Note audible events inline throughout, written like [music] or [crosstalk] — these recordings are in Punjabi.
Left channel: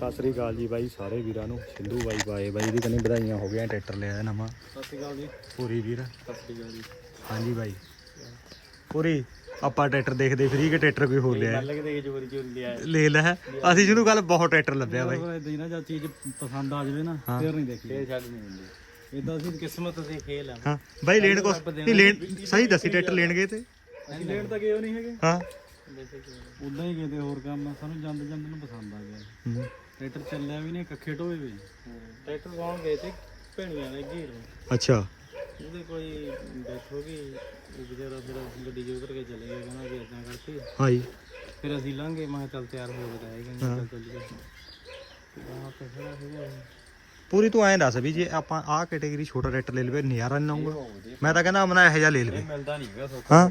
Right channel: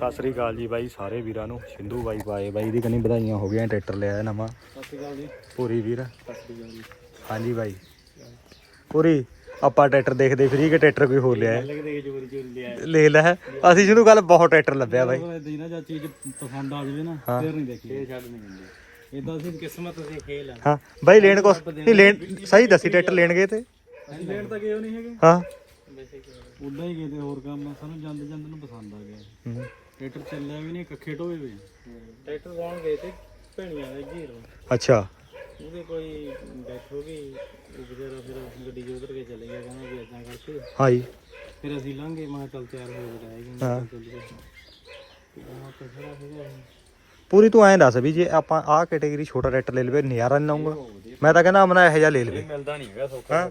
ਸਤਿ ਸ੍ਰੀ ਅਕਾਲ ਜੀ ਬਾਈ ਸਾਰੇ ਵੀਰਾਂ ਨੂੰ। ਸਿੰਧੂ ਬਾਈ ਪਾਏ ਬਾਈ ਦੀ ਕਨੀ ਵਧਾਈਆਂ ਹੋ ਗਈਆਂ ਟਰੈਕਟਰ ਲਿਆ ਨਵਾਂ। ਸਤਿ ਸ਼੍ਰੀ ਅਕਾਲ ਜੀ। ਪੂਰੀ ਵੀਰ। ਸਤਿ ਸ਼੍ਰੀ ਅਕਾਲ ਜੀ। ਹਾਂਜੀ ਬਾਈ। ਪੂਰੀ ਆਪਾਂ ਟਰੈਕਟਰ ਦੇਖਦੇ ਫਰੀ ਕਿ ਟਰੈਕਟਰ ਕੋਈ ਹੋਰ ਲਿਆ ਹੈ? ਲੱਗਦੇ ਕਿ ਚੋਰੀ ਚੋਰੀ ਲਿਆ ਲੈ ਲੈ ਅਸੀਂ ਜਿਹਨੂੰ ਕੱਲ ਬਹੁਤ ਟਰੈਕਟਰ ਲੱਭਿਆ ਬਾਈ। ਇਦਾਂ ਨਾ ਜਾਂ ਚੀਜ਼ ਪਸੰਦ ਆ ਜਾਵੇ ਨਾ ਹਾਂ। ਫਿਰ ਨਹੀਂ ਦੇਖੀ। ਫੇਰ ਛੱਡ ਨਹੀਂ ਹੁੰਦੀ ਇਦਾਂ ਅਸੀਂ ਕਿਸਮਤ ਦੇ ਖੇਲ ਆ। ਹਾਂ ਬਾਈ ਲੈਣ ਕੋ ਨਹੀਂ ਲੈਣ ਸਹੀ ਦੱਸੀ ਟਰੈਕਟਰ ਲੈਣ ਗਏ ਤੇ? ਲੈਣ ਤਾਂ ਗਏ ਨਹੀਂ ਹੈਗੇ। ਹਾਂ। ਉਦਾਂ ਹੀ ਗਏ ਤੇ ਹੋਰ ਕੰਮ ਸਾਨੂੰ ਜਾਂਦੇ ਜਾਂਦੇ ਨੂੰ ਪਸੰਦ ਆ ਗਿਆ। ਹੂੰ। ਟਰੈਕਟਰ ਚੱਲਿਆ ਵੀ ਨਹੀਂ ਕੱਖੇ ਢੋਏ ਵੇ। ਟਰੈਕਟਰ ਕੌਣ ਗਏ ਤੇ ਭੈਣੀਆਂ ਦੇ ਘੀਰ ਅੱਛਾ। ਉਹਦੇ ਕੋਈ ਗਈ ਉਹ ਵਿਚਾਰਾ ਫਿਰ ਗੱਡੀ 'ਚ ਉਤਰ ਕੇ ਚਲੇ ਗਿਆ ਕਹਿੰਦਾ ਵੀ ਇਦਾਂ ਕਰਕੇ। ਹਾਂਜੀ। ਫਿਰ ਅਸੀਂ ਲੰਘੇ ਮੈਂ ਚੱਲ ਤਿਆਰ ਹੋ ਕੇ ਆਏ ਹਾਂ। ਹਾਂ ਚੱਲੀਏ। ਤੇ ਆਹ ਤੇ ਖੜਾ ਸੀਗਾ ਇਹ। ਪੂਰੀ ਤੂੰ ਐਂ ਦੱਸ ਵੀ ਜੇ ਆਪਾਂ ਆਹ ਕੈਟਾਗਰੀ ਛੋਟਾ ਟਰੈਕਟਰ ਲੈ ਲਵੇ ਨਜ਼ਾਰਾ ਨਹੀਂ ਲਾਉਂਗਾ ਮੈਂ ਤਾਂ ਕਹਿੰਦਾ ਅਮਨਾ ਇਹੋ ਜਿਹਾ ਲੈ ਲਵੇ। ਮਿਲਦਾ ਨਹੀਂ ਹੈਗਾ ਸੌਖਾ ਹਾਂ।